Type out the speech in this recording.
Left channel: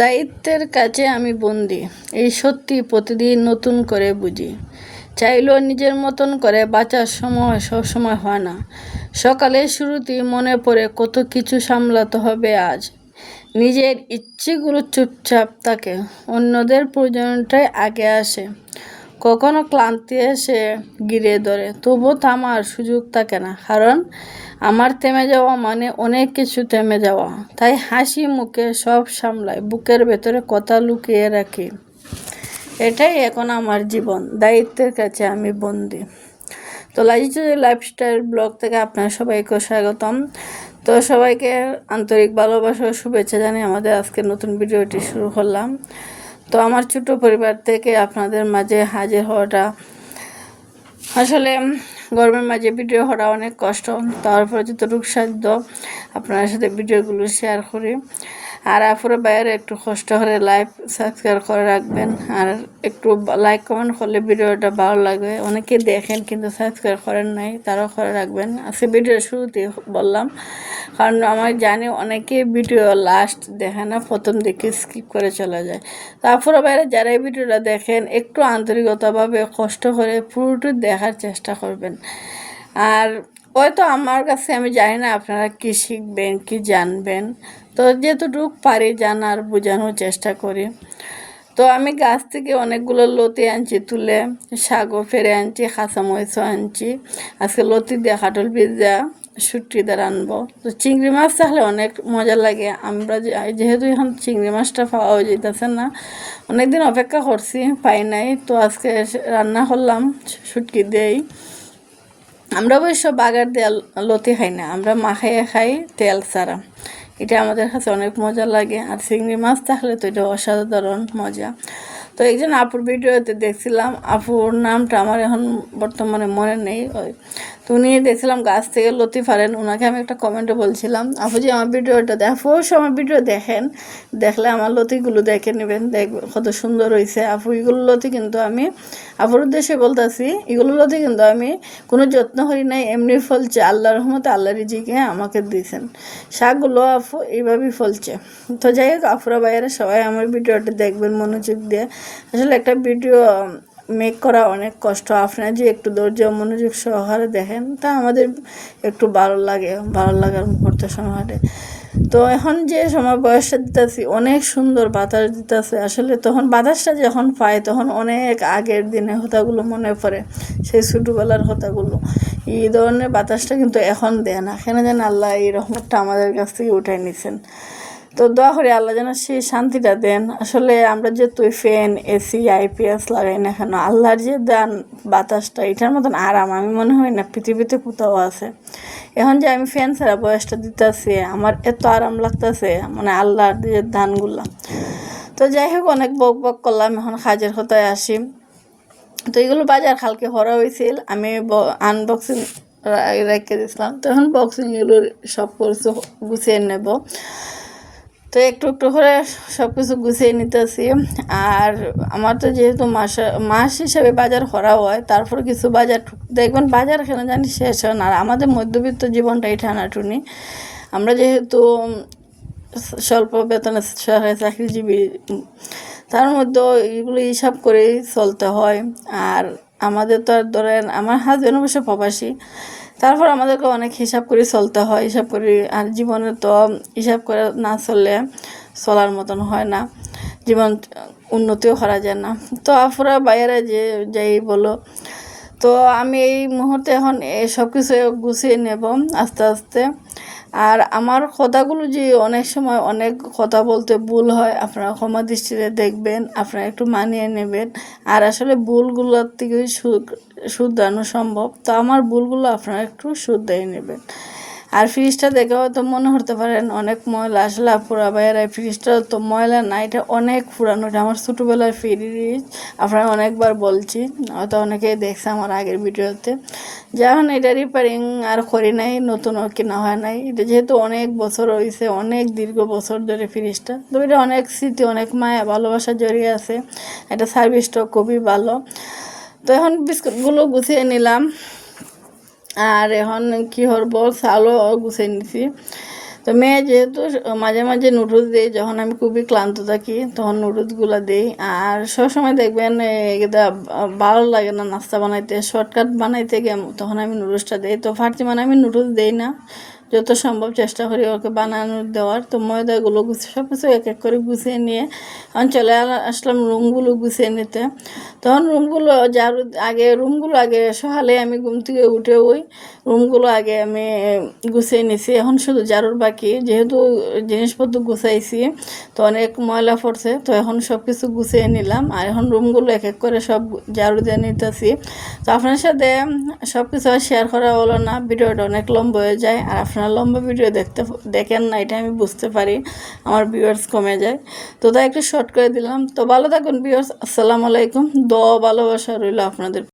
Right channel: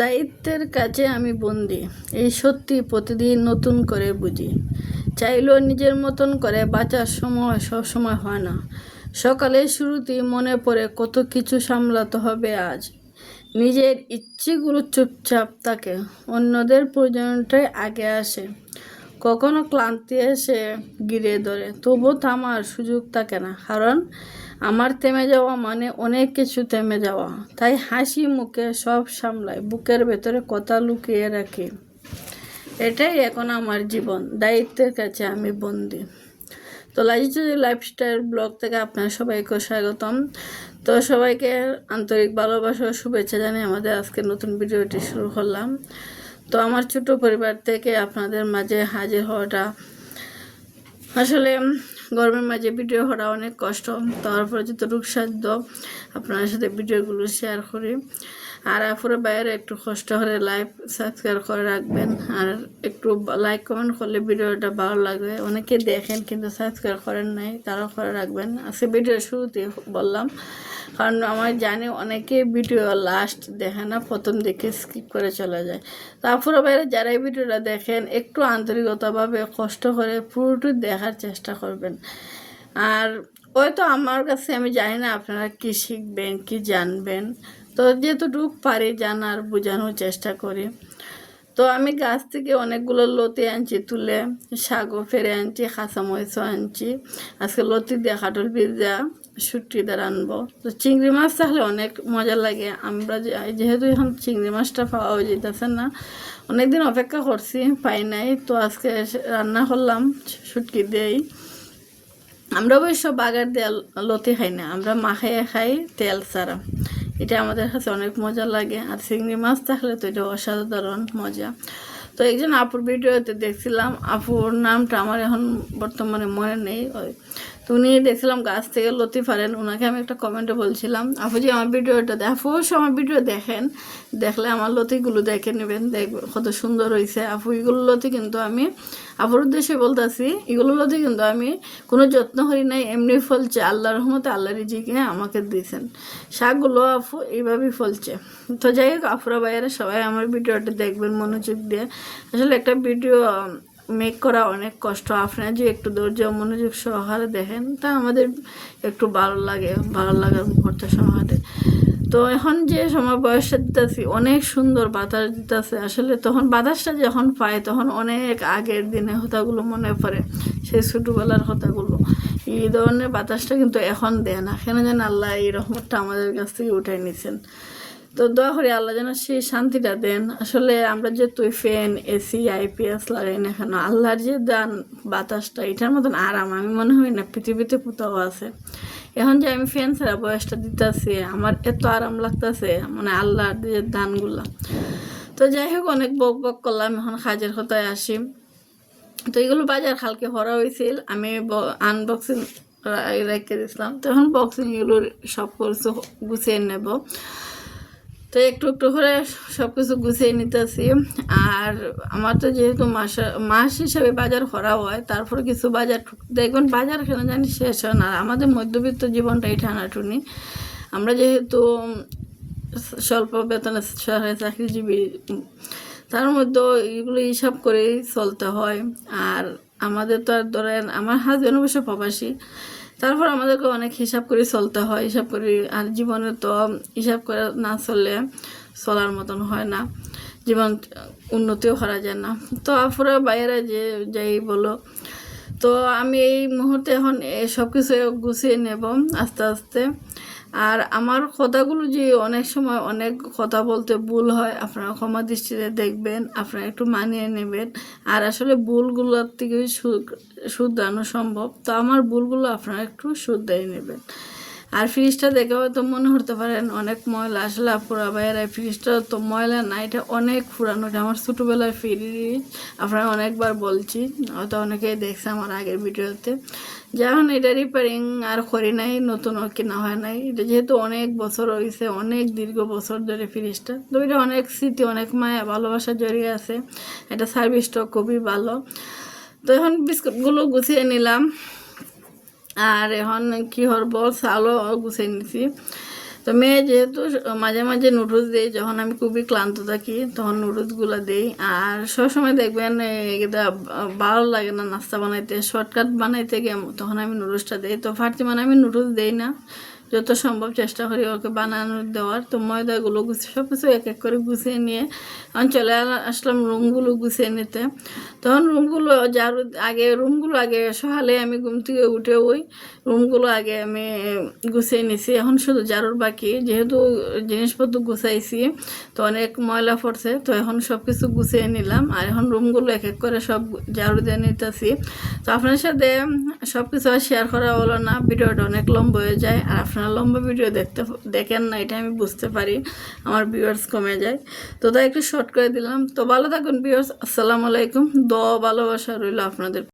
দায়িত্বের কাছে আমি বন্দি, এই সত্যি প্রতিদিন নতুন করে বুঝি। চাইলেও নিজের মতন করে বাঁচার সময় সবসময় হয় না। সকালের শুরুতেই মনে পড়ে কত কিছু সামলাতে হবে আজ। নিজের ইচ্ছেগুলো চুপচাপ থাকে, অন্যদের প্রয়োজনটাই আগে আসে। কখনো ক্লান্তি এসে ঘিরে ধরে, তবুও থামার সুযোগ থাকে না, কারণ আমার থেমে যাওয়া মানে অনেক কিছু থেমে যাওয়া। তাই হাসি মুখে সব সামলাই, বুকের ভেতরে কথা লুকিয়ে রাখি। এটাই এখন আমার জীবন, দায়িত্বের কাছে আমি বন্দি। তো লাইজি লাইফস্টাইল ব্লগ থেকে আপনার সবাইকে স্বাগতম। তো সবাইকে আন্তরিক ভালোবাসা ও শুভেচ্ছা জানিয়ে আমাদের আজকের নতুন ভিডিওটি শুরু করলাম। তো আমার ছোট পরিবার থেকে আপনাদের মাঝে হাজির হওয়াটা আসলে গরমের মাঝে ভিডিও করা অনেক কষ্ট, তারপরে যতটুকু সাধ্য আপনার সাথে ভিডিওগুলো শেয়ার করি। আর আপুরা বাইরে একটু কষ্ট করে লাইক সাবস্ক্রাইব করে রাখবেন, আর একটু লাইক কমেন্ট করলে ভিডিওটা ভালো লাগবে। অনেকে দেখেন কিন্তু সাবস্ক্রাইব করেন নাই, তারাও করে রাখবেন। আজকে ভিডিওর শুরুতে বললাম, কারণ আমার জানি অনেকে ভিডিও লাস্ট দেখে না, প্রথম দিকে স্কিপ করে চলে যায়। তারপরে বাইরে যারা এই ভিডিওটা দেখেন একটু আন্তরিকতাভাবে কষ্ট করে পুরোটি দেখার চেষ্টা করবেন। আর হয়তো আমার কাছে আমি জানি না আপনারা কী শিখবেন কি জানবেন, তো যেতটুকু পারি জানার বোঝানোর চেষ্টা করি। তো আমি গাছ থেকে অনেকগুলো লতি আনছি তুলে, শাকও ফেরে আনছি, কাঁচামরিচও আনছি। আজকে লতি দিয়ে কাটল পিৎজা শুটকি দিয়ে আনবো। তো চিংড়ি মাছ থাকলে অনেক মজা লাগে। আমরা যেহেতু এখন চিংড়ি মাছটা পাওয়া যেতেছে না, অনেকদিন অপেক্ষা করছি, পাই নাই, তো আজকে রান্না করলাম শুটকি দিয়েই। আমরা অবশ্য বাগার দিয়ে লতি খাই না, আমরা মাখাইয়ে খাই তেল ছাড়া। এটা আমাদের কাছে অনেক মজা লাগে। আর চিংড়ি মাছ থাকলে তো এটা অসাধারণ মজা। তো একজন আপুর ভিডিওতে দেখছিলাম, আপুর নামটা আমার এখন বর্তমানে মনে নেই। তো উনি দেখছিলাম গাছ থেকে লতি পারেন, ওনাকে আমি একটা কমেন্টে বলছিলাম, আপু যে আমার ভিডিওটা দেখো, আমার ভিডিও দেখেন, দেখলে আমার লতিগুলো দেখে নেবেন, দেখবেন কত সুন্দর হয়েছে। আপু এগুলো লতি কিন্তু আমি আপুর উদ্দেশ্যে বলতেছি, এগুলো লতি কিন্তু আমি কোনো যত্ন করি নাই, এমনি ফলছে, আল্লাহর রহমতে আল্লাহ রিজিকে আমাকে দিয়েছেন। শাকগুলো আপু এইভাবেই ফলছে। তো যাই হোক, আপুরা ভাইয়েরা সবাই আমার ভিডিওটা দেখবেন মনোযোগ দিয়ে। আসলে একটা ভিডিও মেক করা অনেক কষ্ট, আপনারা যে একটু ধৈর্য মনোযোগ সহকারে দেখেন, তা আমাদের একটু ভালো লাগে, ভালো লাগার মুহূর্ত সহকারে। তো এখন যে সময় বয়সটা দিতেছি, অনেক সুন্দর বাতাস দিতেছে। আসলে তখন বাতাসটা যখন পাই, তখন অনেক আগের দিনে কথাগুলো মনে পড়ে, সেই ছোটোবেলার কথাগুলো। এই ধরনের বাতাসটা কিন্তু এখন দেয় না, কেন যেন আল্লাহ এই রহমতটা আমাদের কাছ থেকে উঠাই নিছেন। তো দোয়া করি আল্লাহ যেন সেই শান্তিটা দেন। আসলে আমরা যে তুই ফ্যান এসি আইপিএস লাগাই না কেন, আল্লাহর যে দান বাতাসটা, এটার মতন আরাম আমি মনে হয় না পৃথিবীতে কোথাও আছে। এখন যে আমি ফ্যান ছাড়া বয়সটা দিতেছি, আমার এত আরাম লাগতেছে, মানে আল্লাহর যে দানগুলা। তো যাই হোক, অনেক বক বক করলাম, এখন কাজের কথায় আসি। তো এগুলো বাজার কালকে করা হয়েছিল, আমি আনবক্সিং রেখে দিয়েছিলাম। তো এখন বক্সিং এগুলো সব কিছু গুছিয়ে নেব। তো একটু একটু করে সব কিছু গুছিয়ে নিতেছি। আর আমার তো যেহেতু মাস হিসাবে বাজার করা হয়, তারপর কিছু বাজার দেখবেন বাজার কেন জানি শেষ হয় না। আর আমাদের মধ্যবিত্ত জীবনটাই টানাটুনি। আমরা যেহেতু স্বল্প বেতনে সরকারি চাকরিজীবী, তার মধ্যে এগুলো হিসাব করেই চলতে হয়। আর আমাদের তো আর ধরেন, আমার হাজব্যান্ড অবশ্য প্রবাসী, তারপর আমাদেরকে অনেক হিসাব করে চলতে হয়, হিসাব করে। আর জীবনে তো হিসাব করে না চললে চলার মতন হয় না, জীবন উন্নতিও করা যায় না। তো আপুরা বাইরে যে যাই বলো, তো আমি এই মুহূর্তে এখন সব কিছু গুছিয়ে নেব আস্তে আস্তে। আর আমার কথাগুলো যে অনেক সময় অনেক কথা বলতে ভুল হয়, আপনারা ক্ষমা দৃষ্টিতে দেখবেন, আপনারা একটু মানিয়ে নেবেন। আর আসলে ভুলগুলোর থেকে শুধরানো সম্ভব, তো আমার ভুলগুলো আপনারা একটু শুধরিয়ে নেবেন। আর ফ্রিজটা দেখে হয়তো মনে করতে পারেন অনেক ময়লা, আসলে আপুরা ভাইয়েরা ফ্রিজটা তো ময়লা না, এটা অনেক পুরানো, এটা আমার ছোটোবেলার ফ্রিজ। আপনারা অনেকবার বলছি, হয়তো অনেকেই দেখছে আমার আগের ভিডিওতে। যখন এটা রিপেয়ারিং আর করি নাই, নতুনও কেনা হয় নাই, এটা যেহেতু অনেক বছর হয়েছে, অনেক দীর্ঘ বছর ধরে ফ্রিজটা, তো এটা অনেক স্মৃতি, অনেক মায়া ভালোবাসা জড়িয়ে আছে। এটা সার্ভিসটাও খুবই ভালো। তো এখন বিস্কুটগুলো গুছিয়ে নিলাম, আর এখন কী করবো, চালও গুছিয়ে নিছি। তো মেয়ে যেহেতু মাঝে মাঝে নুডলস দিই, যখন আমি খুবই ক্লান্ত থাকি তখন নুডলসগুলো দিই। আর সবসময় দেখবেন এটা ভালো লাগে না নাস্তা বানাইতে, শর্টকাট বানাইতে গিয়ে তখন আমি নুডলসটা দিই। তো ফার্তিমান আমি নুডলস দিই না, যত সম্ভব চেষ্টা করি ওকে বানানো দেওয়ার। তো ময়দাগুলো সব কিছু এক এক করে গুছিয়ে নিয়ে আমি চলে আসলাম রুমগুলো গুছিয়ে নিতে। তখন রুমগুলো আগে সকালে আমি ঘুম থেকে উঠে ওই রুমগুলো আগে আমি গুছিয়ে নিছি। এখন শুধু ঝাড়ুর বাকি, যেহেতু জিনিসপত্র গুছাইছি তো অনেক ময়লা পড়ছে, তো এখন সব কিছু গুছিয়ে নিলাম। আর এখন রুমগুলো এক এক করে সব ঝাড়ু দিয়ে নিতেছি। তো আপনার সাথে সব কিছু আর শেয়ার করা হলো না, ভিডিওটা অনেক লম্বা হয়ে যায়। আর আপনারা লম্বা ভিডিও দেখেন না, এটা আমি বুঝতে পারি, আমার ভিউয়ার্স কমে যায়। তো তাই একটু শর্ট করে দিলাম। তো ভালো থাকুন ভিউয়ার্স, আসসালামু আলাইকুম। ভালোবাসা রইল আপনাদের।